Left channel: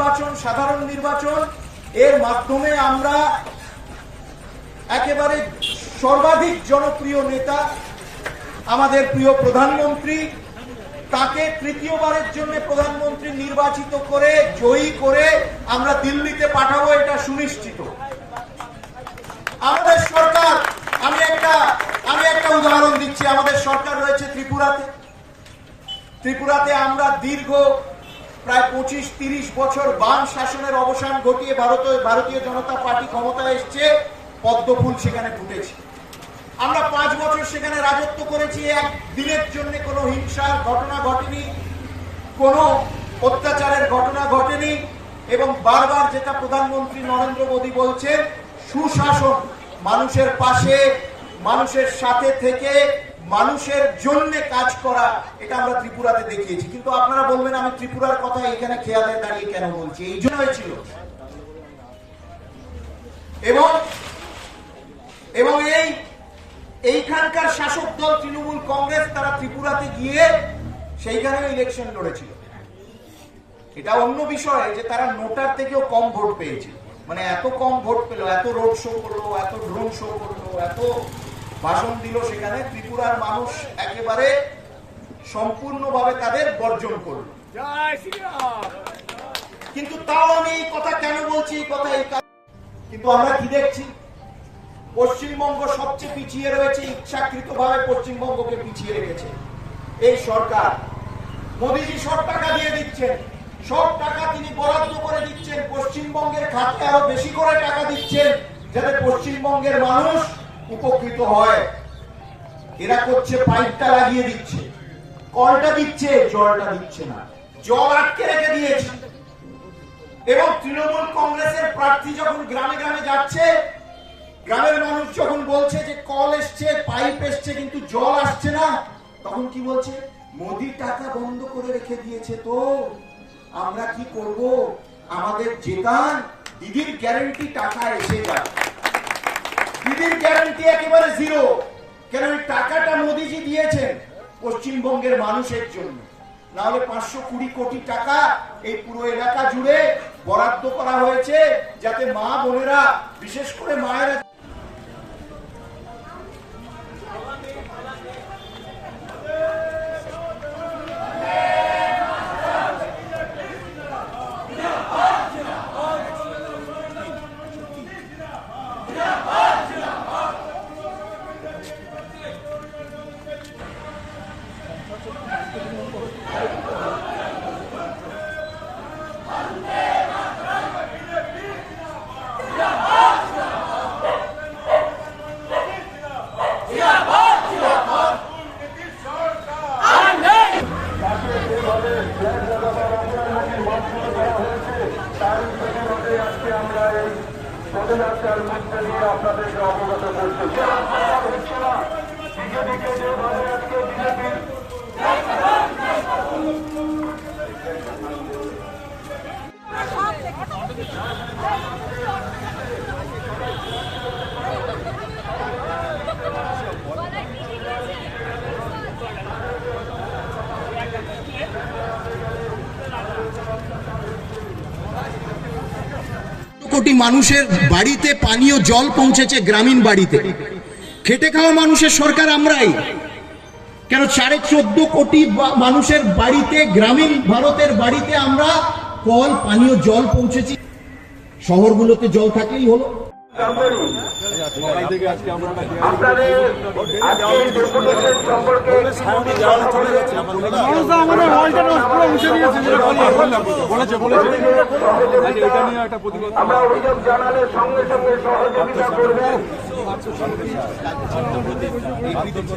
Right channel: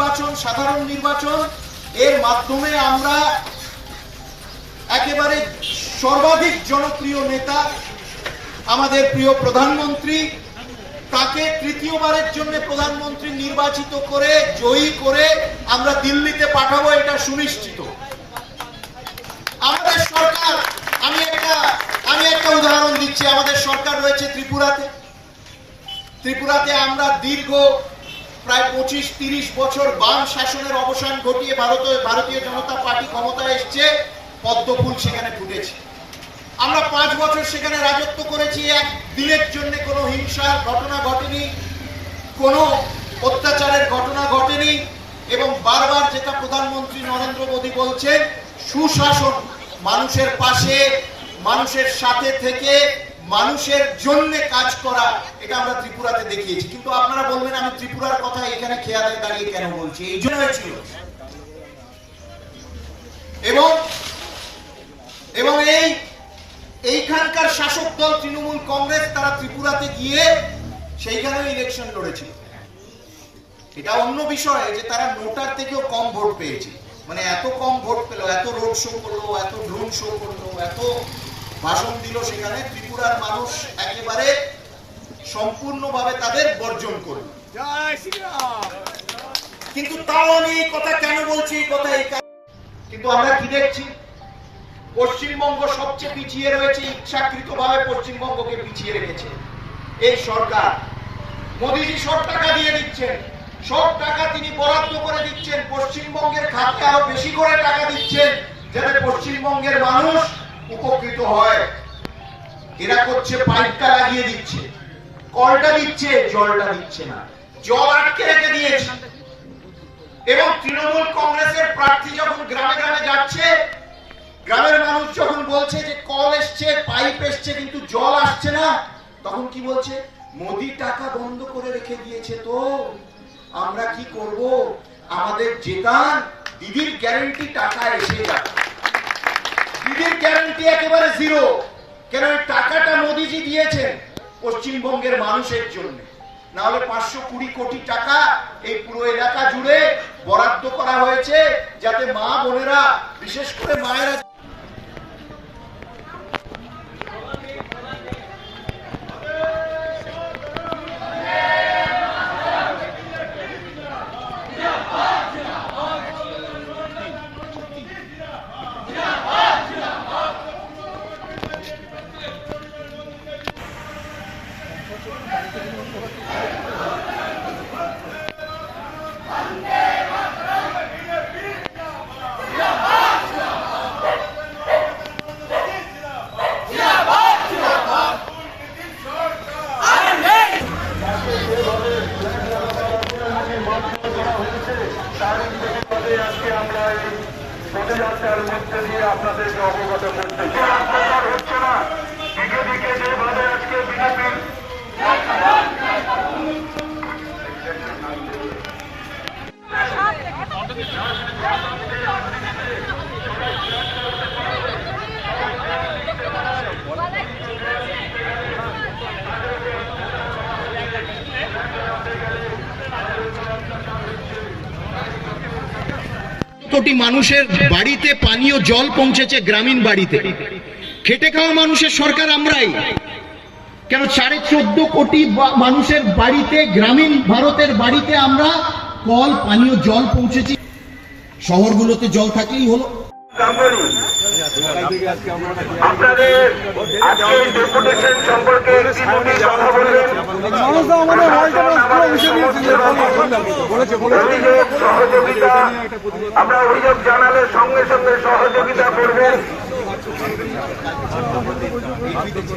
নির্বাচন, সাধারণ নির্বাচন, এর মাধ্যমে আমরা একেবারে সর্বাধিক জনপ্রিয় নেতা, আমাদের প্রিয় প্রধানমন্ত্রী, তাকে তৃতীয়বারের জন্য প্রধানমন্ত্রী নির্বাচিত করে, জয়ী করে আমরা দিল্লিতে পাঠাবো এটা সুনিশ্চিত। আমাদের সরকার, আমি একটা আমি একটা উদাহরণ দিচ্ছি, আমাদের সরকার রয়েছে ত্রিপুরাতে। ত্রিপুরাতে আমরা দীর্ঘ প্রায় পঁচিশ, তিরিশ বছর বাম শাসনের অবসান ঘটিয়ে ভারত ভারতীয় জনতা পার্টি ক্ষমতায় এসছে পদ্মফুল সেখানে ফুটেছে। আমরা পাঁচ বছর সেখানে রাজত্ব করেছি, এক দিনের জন্য কোনো হিংসার ঘটনা ঘটেনি, কোনো অত্যাচারের ঘটনা ঘটেনি, এবং বারবার যেটা প্রধানমন্ত্রী নরেন্দ্র মোদী বলছেন, সুশাসন মানুষের পাশে, মানুষের সাথে থেকে মানুষের জন্য কাজ করা, এটা আমরা ত্রিপুরাতে দেখিয়েছি। কিন্তু আপনারা বলবেন, আমি ত্রিপুরার কথা এখানে খেয়ালে দাঁড়িয়ে কেন বলছি? এই জন্য হয়েছিল এবং এবং এই, এইখানকার শাসক দল, তৃণমূল কংগ্রেস, তারা ত্রিপুরাতে গিয়ে সেইখানেও ইলেকশন লড়েছিল। এটা অন্য বিষয় যে তারা নোটার থেকেও কম ভোট পেয়েছে। মানে এত কম ভোট পেল, এত রোড শো করল, এত ড্রোন শো করল, এত ভাষণ দিল সেখানে ত্রিপুরার মানুষ একেবারে সম্পূর্ণভাবে তাদের বর্জন করল। কিন্তু তাও আমি এই কথা কেন বলছি? এই কথা এই কিন্তু আমরা কি দেখছি? পশ্চিমবঙ্গ সবচেয়ে পিছিয়ে রয়েছে ইচ্ছাকৃতভাবে পশ্চিমবঙ্গকে পিছিয়ে রেখেছে। এই সরকার। মোদীজি সব টাকা দিয়ে দিচ্ছেন। সব টাকা তিনি বরাদ্দ করে দিচ্ছেন। পশ্চিমবঙ্গের খাতে আরও বেশি করে টাকা দিচ্ছেন যাতে পশ্চিমবঙ্গের মানুষ উপকৃত হয়। এরা করছে পাইপটা লাগিয়ে দিচ্ছে। কলটা দিচ্ছে, জলটা দিচ্ছে না। জল আটকে রেখে দিয়েছে। এবং তৃণমূল কংগ্রেসের প্রার্থী যখন গ্রামে গ্রামে যাচ্ছে, গ্রামের মানুষ যখন বলছে যে কল এসছে পাইপ এসছে, কিন্তু জল আসছে না, তখন কি বলছে? মোদি টাকা বন্ধ করে রেখে দিয়েছে তো। আমরা কি করব? আমাদের যেতান দিদির গ্যারেন্টি টাকা এসে যাবে। দিদির গ্যারান্টি একেবারে জিরো কেন এই টাকাটা মোদিজি দিয়েছেন পশ্চিমবঙ্গের মানুষের জন্য? না হলে পাঁচশো কুড়ি কোটি টাকা এই পুরো এলাকা জুড়ে বরাদ্দ করা হয়েছে যাতে মা বোনেরা, বিশেষ করে মায়েরা আমাদেরকে কোটি মানুষের বাড়িতে পানীয় জল পৌঁছেছে গ্রামীণ বাড়িতে। খেটে খাওয়া মানুষের সরকার আমরাই। কেন সাড়ে চোদ্দ কোটি মানুষের বাড়িতে, গ্রামীণ ভারতের বাড়িতে আমরা কল, পানীয় জল পৌঁছেছি। শহরগুলোতে জল থাকলেই হলো। সম্পর্কে আমরা অভিযোগ জানালে সঙ্গে সঙ্গে সহযোগিতা করবেন।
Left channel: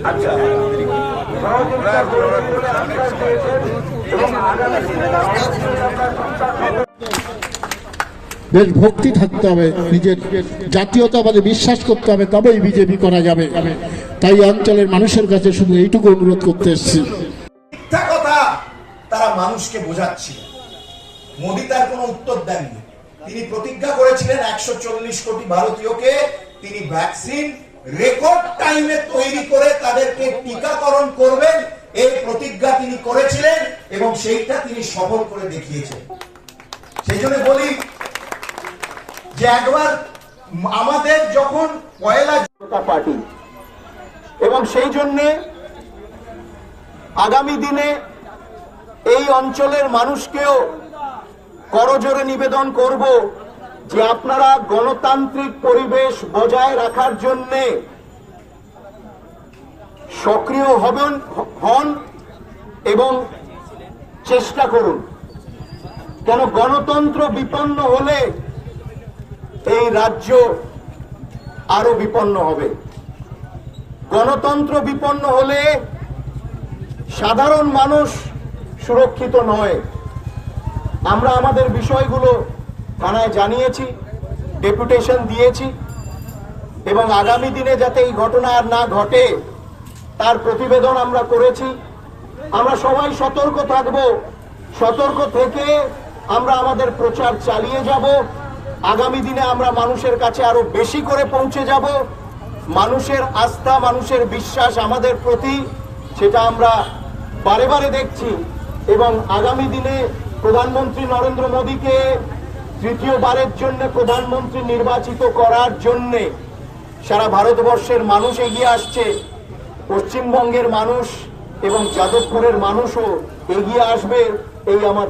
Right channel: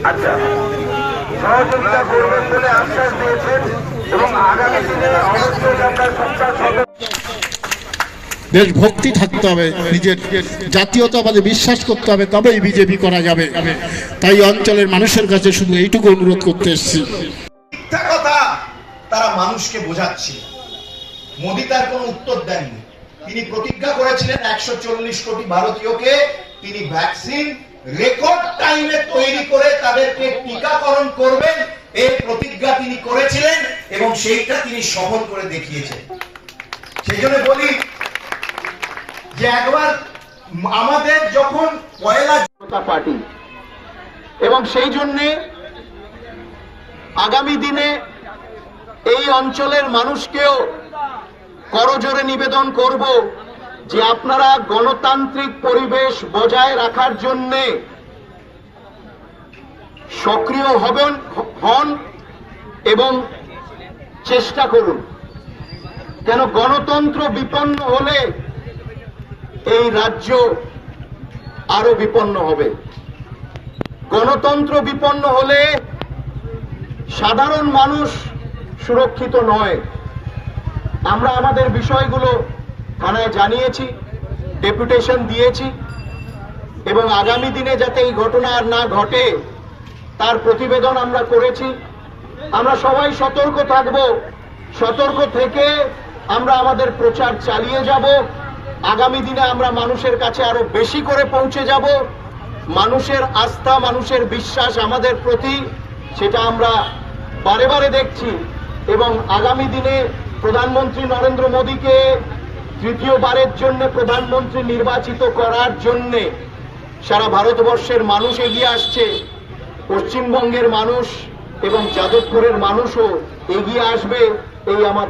আচ্ছা সহযোগিতা করবেন বলে আশ্বাস দিয়েছেন এবং আগামী দিনে আমরা সন্ত্রাস দেশ ভক্তি থাকতে হবে, নিজের জাতীয়তাবাদে বিশ্বাস করতে হবে, তবেই বিজেপি করা যাবে। তাই অঞ্চলের মানুষের কাছে শুধু এইটুকু অনুরোধ করতে এসেছি। তারা মানুষকে বোঝাচ্ছিল মোদী তার কোনো উত্তর দেননি। তিনি প্রতিজ্ঞা করেছিলেন একশো চল্লিশ কোটি ভারতীয়কে, তিনি ভ্যাকসিন রেকর্ড টাইমে তৈরি করে তাদেরকে টিকাকরণ করবেন। এই প্রতিজ্ঞা তিনি করেছিলেন এবং সেইটা তিনি সফল করে দেখিয়েছেন। সেই জন্য বলি যে একবার আমাদের যখন পয়লা জনতা পার্টি। এবং সেই জন্যে আগামী দিনে এই অঞ্চলের মানুষকেও করজোরে নিবেদন করব যে আপনারা গণতান্ত্রিক পরিবেশ বজায় রাখার জন্যে সক্রিয় হবেন, হন এবং চেষ্টা করুন। কেন গণতন্ত্র বিপন্ন হলে এই রাজ্য আরও বিপন্ন হবে। গণতন্ত্র বিপন্ন হলে সাধারণ মানুষ সুরক্ষিত নয়। আমরা আমাদের বিষয়গুলো থানায় জানিয়েছি, ডেপুটেশন দিয়েছি এবং আগামী দিনে যাতে এই ঘটনা আর না ঘটে, তার প্রতিবেদন আমরা করেছি। আমরা সবাই সতর্ক থাকব। সতর্ক থেকে আমরা আমাদের প্রচার চালিয়ে যাব। আগামী দিনে আমরা মানুষের কাছে আরও বেশি করে পৌঁছে যাব। মানুষের আস্থা, মানুষের বিশ্বাস আমাদের প্রতি, সেটা আমরা বারে বারে দেখছি। এবং আগামী দিনে প্রধানমন্ত্রী নরেন্দ্র মোদীকে তৃতীয়বারের জন্য প্রধানমন্ত্রী নির্বাচিত করার জন্যে সারা ভারতবর্ষের মানুষ এগিয়ে আসছে। পশ্চিমবঙ্গের মানুষ এবং যাদবপুরের মানুষও এগিয়ে আসবে, এই আমার